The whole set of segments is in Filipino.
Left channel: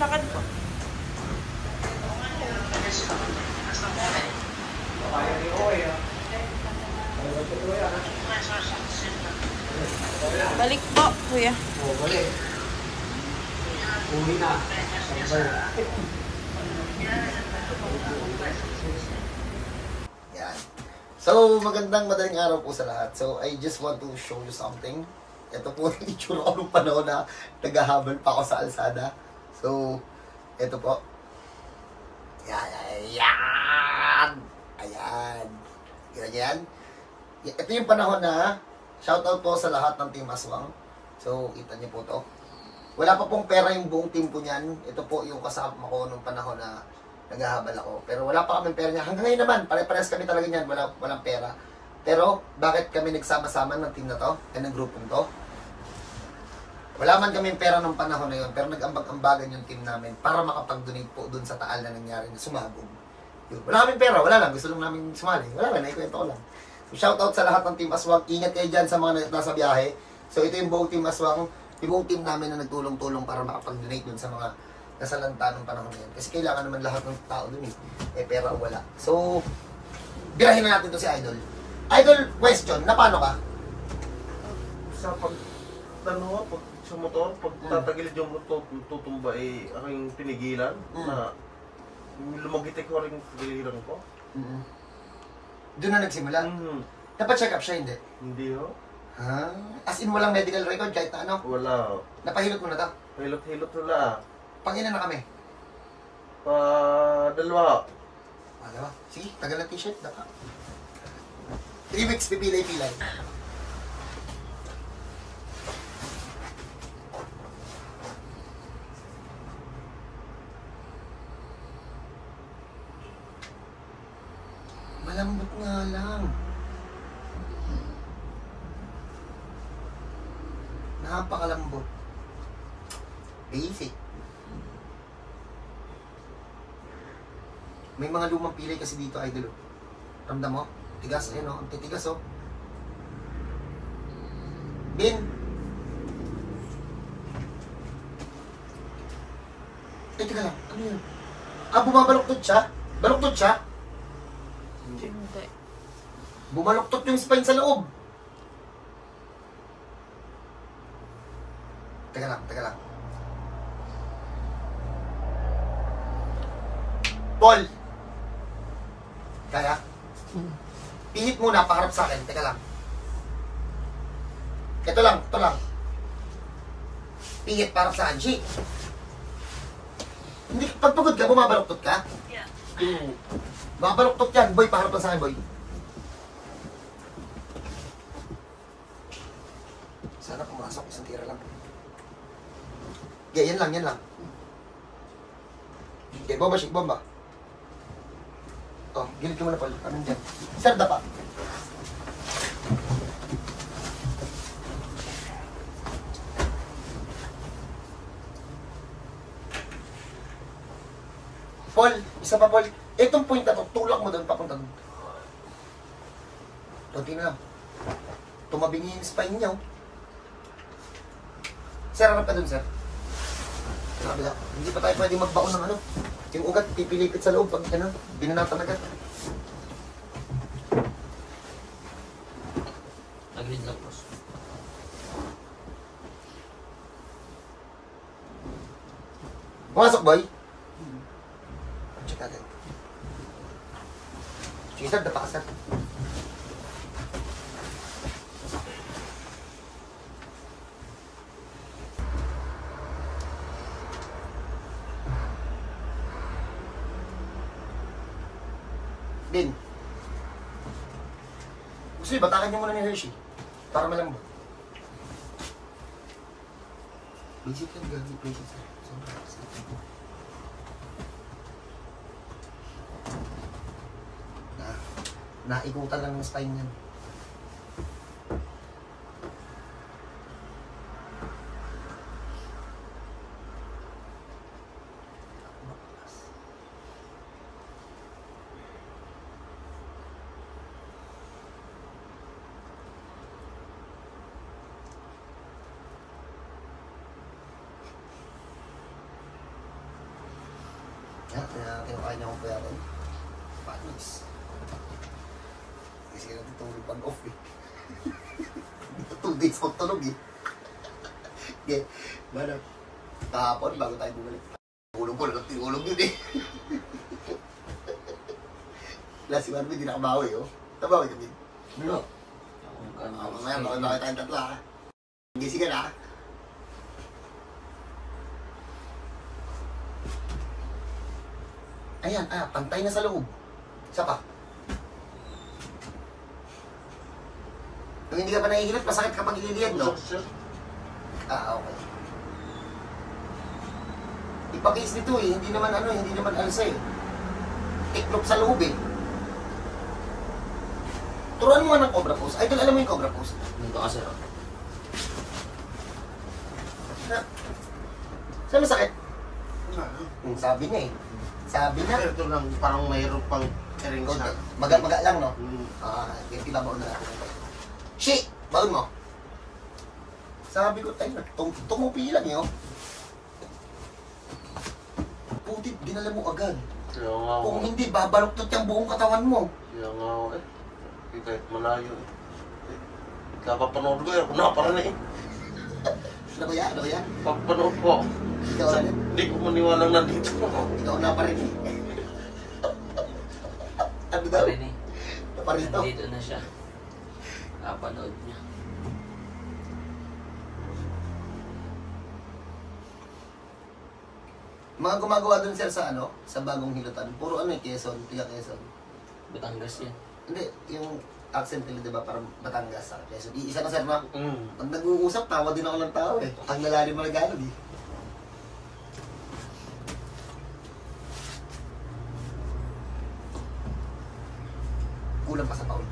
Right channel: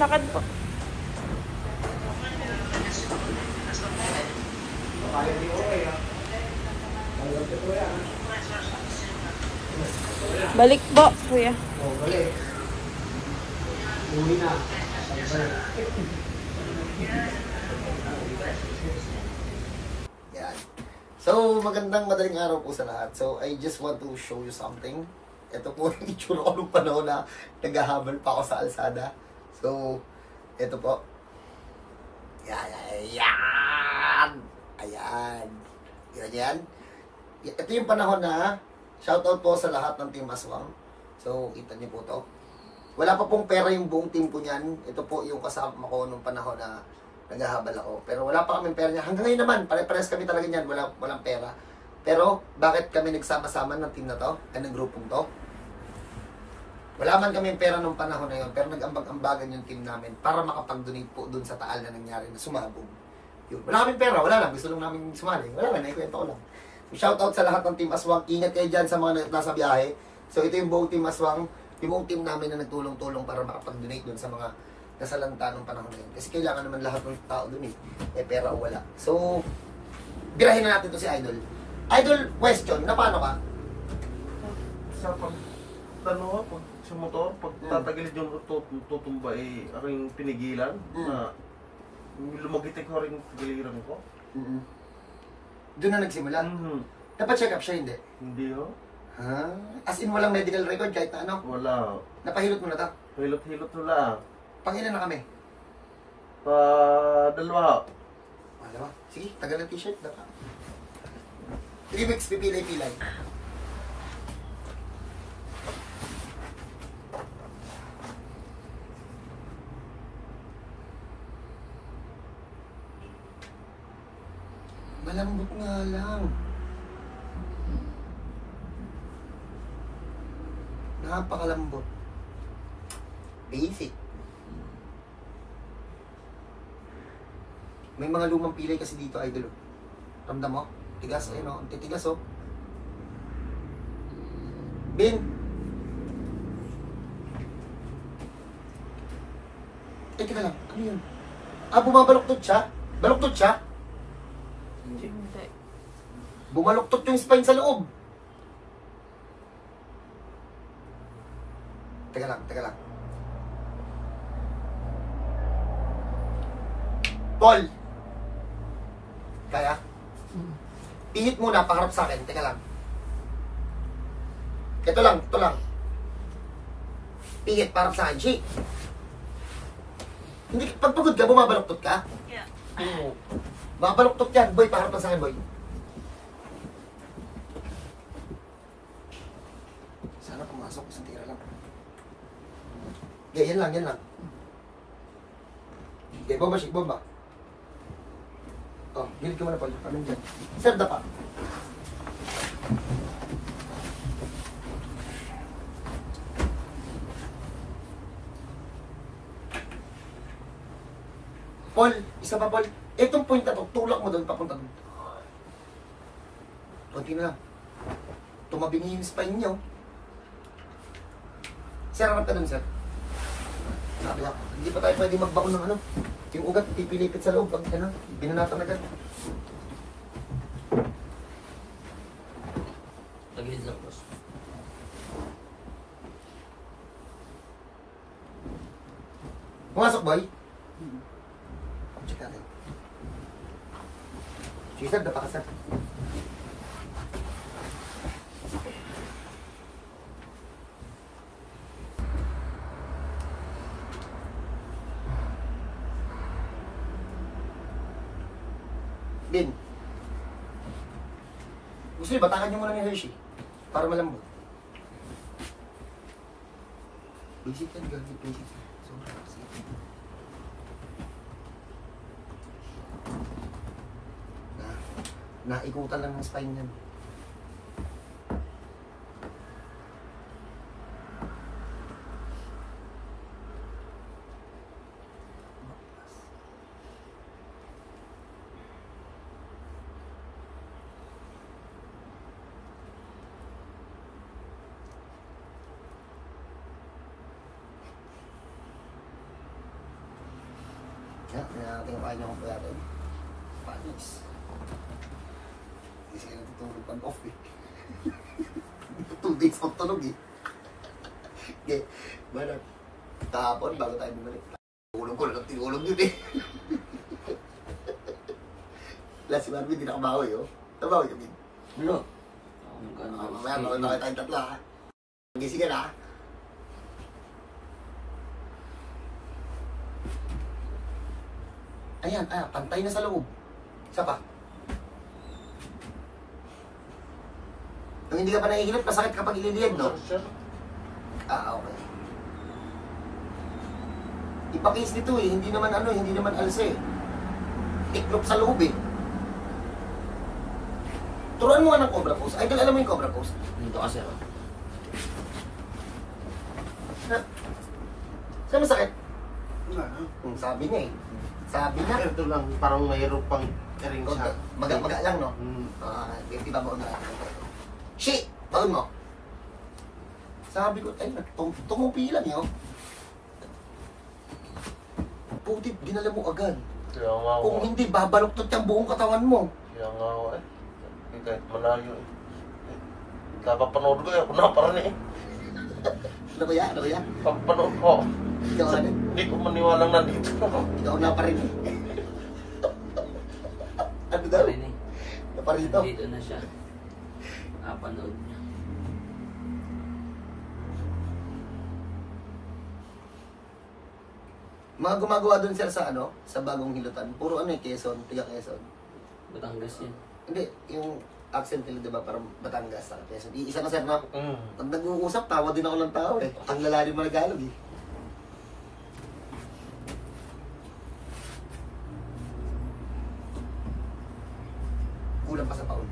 Lakad po. Balik po, kuya. Uwi na. Yan. So, magandang madaling araw po sa lahat. So, I just want to show you something. Ito po yung itsura ko nung panahon na naghahabol pa ako sa alsada. So, ito po. Yan! Ayan. Ganyan. Ito yung panahon na shoutout po sa lahat ng Team Aswang. So, kita niyo po to. Wala pa pong pera yung buong team ko niyan. Ito po yung kasama ko nung panahon na naghahabal ako. Pero wala pa kaming pera niya. Hanggang ngayon naman, pare-pares kami talaga niyan. Walang pera. Pero, bakit kami nagsama-sama ng team na to? Ng grupong to? Wala man kami pera nung panahon na yun. Pero nag-ambag-ambagan yung team namin para makapag-donate po dun sa taal na nangyari na sumabog. Yun. Wala kaming pera. Wala lang. Gusto lang namin sumali. Wala lang. Naikwento ko lang. So, shoutout sa lahat ng Team Aswang. Ingat kayo dyan sa mga nasa biyahe. So, ito yung buong Team Aswang. Yung buong team namin na nagtulong-tulong para makapag-donate dun sa mga nasalanta ng panahon na yun. Kasi kailangan naman lahat ng tao dun eh. Pera o wala. So, birahin na natin to si Idol. Idol, question. Na paano ka? Sa pagtanong ko, pag sa motor, pag tatagilid yung tutumba, ako yung pinigilan na lumagitik ko rin yung piligilan ko. Doon na nagsimula? Napacheck up siya, hindi? Hindi ho. Ha? As in, walang medical record kahit na ano? Wala. Napahilot mo na to? Hilot-hilot wala. Pangina na kami? Dalawa. Wala. Sige, tagal ng t-shirt. 3 weeks, pipilay-pilay. Malambot nga lang. Napakalambot. Basic. May mga lumang pilay kasi dito, Idol. Ramdam mo? Tigas, ayun o. Ang titigas o. Bin! Teka lang. Ano yun? Bumabaluktot siya? Baluktot siya? Hindi. Bumaluktot yung spine sa loob. Teka lang. Paul! Kaya? Pihit muna, paharap sa akin. Teka lang. Ito lang. Pihit, paharap sa akin. Shake. Hindi, pag pagod ka, bumabaluktot ka? Yeah. Bumabaluktot yan. Boy, paharap sa akin, boy. Sana pumasok. Isang tira lang. Yeah, yan lang. Okay, bomba. Oh, gilid ko muna, Paul. Anong dyan? Sir, dapa. Paul, isa pa, Paul. Itong point na to, tulak mo doon, papunta doon. Kunti na lang. Tumabi niyo yung spine niyo. Sir, harap ka doon, sir. Kabila. Hindi pa tayo pwede magbaon ng ano. Yung ugat, pipilipit sa loob pag ano, binanatan agad. Tagilid lang, boss. Pumasok, boy. Check natin. Sige, sir, dapa ka, sir. Bin. Gusto niyo, batakan niyo muna ni Hershey. Para malambot. Basic yan, gagi. Basic yan. Sobrang basic. Naikutan lang ng spine niyan. Yan, kinakain niya akong puyatan. Panis. Hindi sila natutulog pag off eh. Dito 2 days magtulog eh. Okay, mana? Kahapon bago tayo bumalik. Tulog ko, tinulog yun eh. Last si Marvin, di nakabawi oh. Nabawi kami. Ano? Mamaya, maganda kayo tayong tatlo ha. Gising ka na ha. Ayan, pantay na sa loob. Isa pa. Kung hindi ka pa nahihilot, masakit kapag ililiyad, no? Okay. Ipakis nito eh, hindi naman hindi naman alsa eh. Tiklop sa loob eh. Turuan mo nga ng cobra pose. Idol, alam mo yung cobra pose? Dito ka, sir. Saan masakit? Sabi niya eh. Sabi na. Ito lang, parang mayroon pang ring siya. Maga lang, no? Hmm. Tibabaon na natin. Shi! Baon mo. Sabi ko, ay, tumupi lang yun. Putit, ginala mo agad. Kaya nga ako. Kung hindi, babaluktot yung buong katawan mo. Kaya nga ako eh. Kahit malayo eh. Kapapanood ko eh. Kuna pa rin eh. Ano ba yan? Ano ba yan? Kapapanood ko. Ikaw na. Hindi ko maniwalang nandito. Ikaw na pa rin. Ano daw? Rini. Naparito. Dito na siya. Kapanood niya. Mga gumagawa doon sir sa sa bagong hilutan. Puro Quezon, tiga Quezon. Batangas yan. Hindi, yung accent nila, di ba, parang Batangas sa Quezon. Isa na sir na, Mm. pag nag-uusap, tawa din ako ng tao eh. Ang lalalim mo nag-alog eh. Kulang pa sa paul.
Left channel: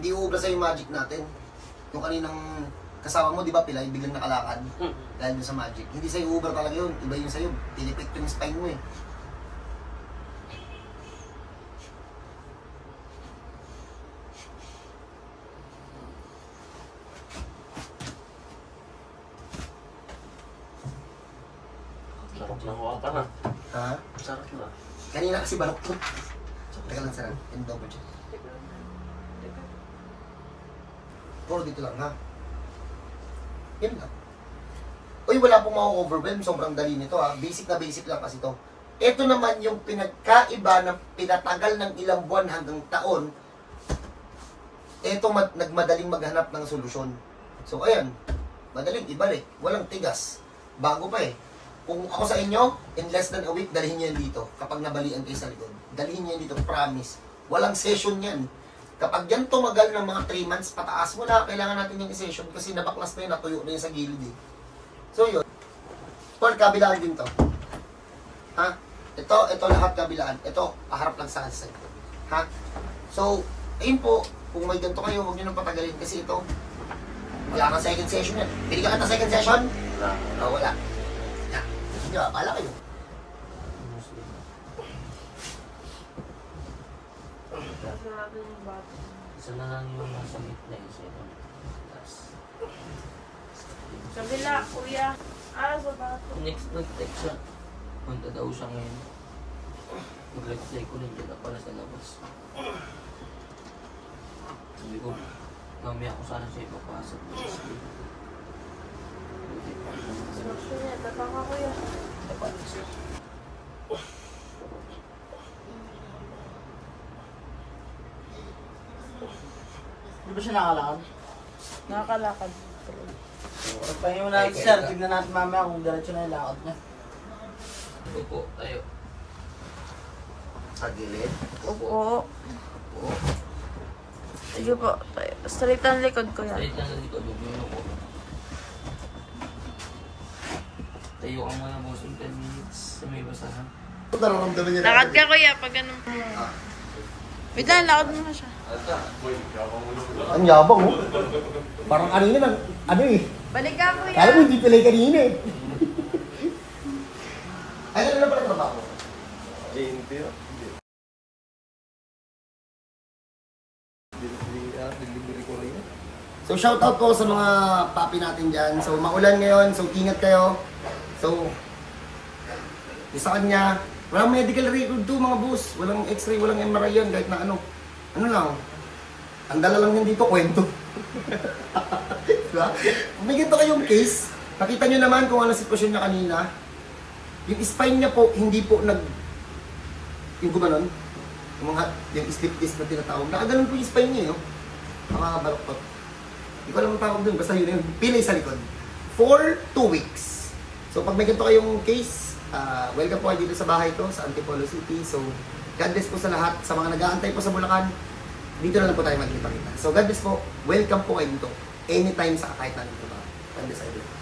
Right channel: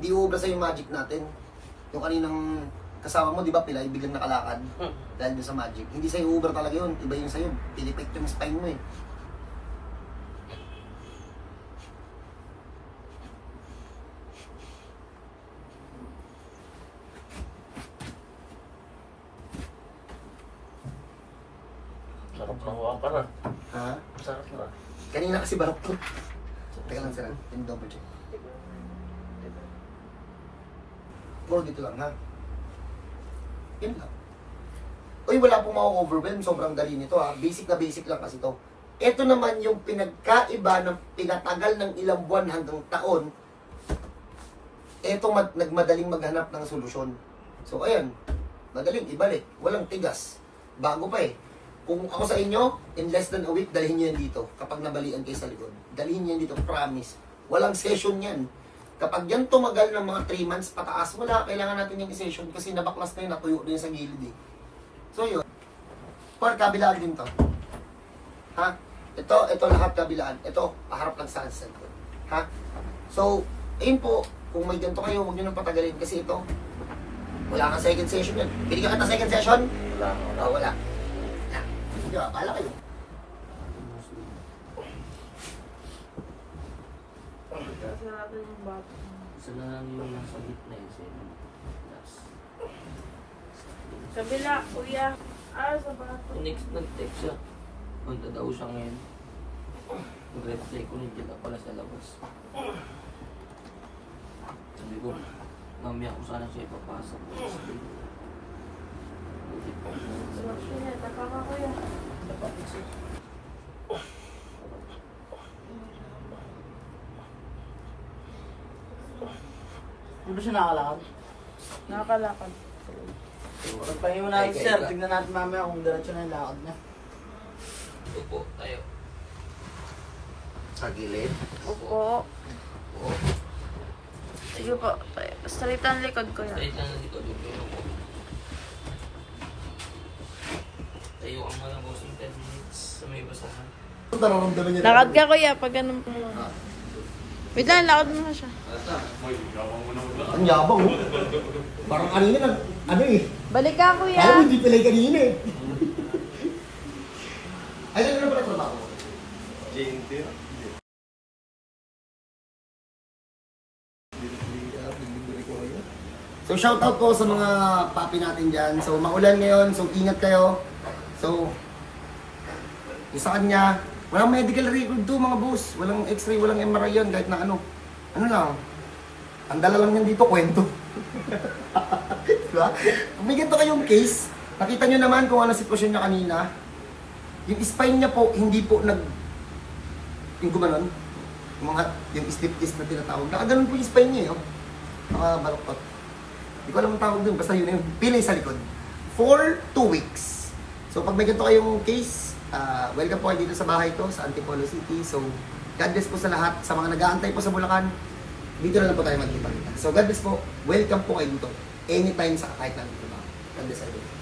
Hindi uubra sa yung magic natin. Yung kaninang kasama mo, di ba, pilay, biglang nakalakad. Dahil dun sa magic. Hindi sa'yo uubra talaga yun. Iba yung sa'yo. Pilipit yung spine mo eh. Sarap na huwag ka na. Ha? Sarap na. Kanina kasi barok to. Teka lang sir, yung double check. Puro dito lang ha. Yan lang. Uy, wala pong ma-overwhelm. Sobrang dali nito ha. Basic na basic lang kasi to. Ito naman yung pinagkaiba ng pinatagal ng ilang buwan hanggang taon. Ito nagmadaling maghanap ng solusyon. So ayan, madaling ibalik. Walang tigas. Bago pa eh. Kung ako sa inyo, in less than a week, dalhin nyo yan dito. Kapag nabalian kayo sa likod. Dalhin nyo yan dito, promise. Walang session yan. Kapag yan tumagal ng mga 3 months pataas, wala, kailangan natin yung session kasi nabaklas na yun, natuyo na yun sa gilid eh. So yun. For kabilaan din to. Ha? Ito lahat kabilaan. Ito, paharap lang sa side ko. Ha? So, ayun po, kung may ganito kayo, huwag nyo nang patagalin kasi ito, wala kang second session yan. Binigyan ka ng second session? Oh, wala. Na. Di ba, pala kayo. Isa na lang yung nasa gitna eh. Kabila, kuya. Sa bato. Next nag-text siya. Punta daw siya ngayon. Mag-reply ko nandiyan na pala sa labas. Sabi ko, mamaya ko sana siya ipapasok. Kuya, taka ka kuya. Dapat siya. Di ba siya nakalakad? Nakakalakad. Pagpahingi mo natin, sir. Tignan natin mamaya kung diretso na yung lakad niya. Ito po, tayo. Sa gilid. Opo. Sige po. Straight ang likod ko yan. Straight lang yung likod mo. Yun po. Tayo ka muna po sa 10 minutes sa may basahan. Lakad ka kuya pag ganun. Wait lang, lakad mo na siya. Ang yabang oh. Parang kanina lang, eh. Balik ka kuya. Kaya mo hindi pilay kanina eh. Ay, ano na pala trabaho? Jinty. So shoutout po sa mga papi natin dyan. So maulan ngayon, so ingat kayo. So, yung sa kanya, walang medical record to mga boss. Walang x-ray, walang MRI yun, kahit na ano. Ano lang, ang dala lang yan dito, kwento. Diba? May ganito kayong case, nakita nyo naman kung ano sitwasyon niya kanina. Yung spine niya po, hindi po yung gumanon, yung slip disc na tinatawag. Nakaganon po yung spine niya, yun. Nakabaloktot. Hindi ko alam ang tawag dun, basta yun yung pilay sa likod. For 2 weeks. So pag may ganito kayong case, welcome po kayo dito sa bahay ko, sa Antipolo City. So, God bless po sa lahat. Sa mga nag-aantay po sa Bulacan, dito na lang po tayo magkita-kita. So, God bless po. Welcome po kayo dito. Anytime sa kahit anong trabaho. God bless everyone.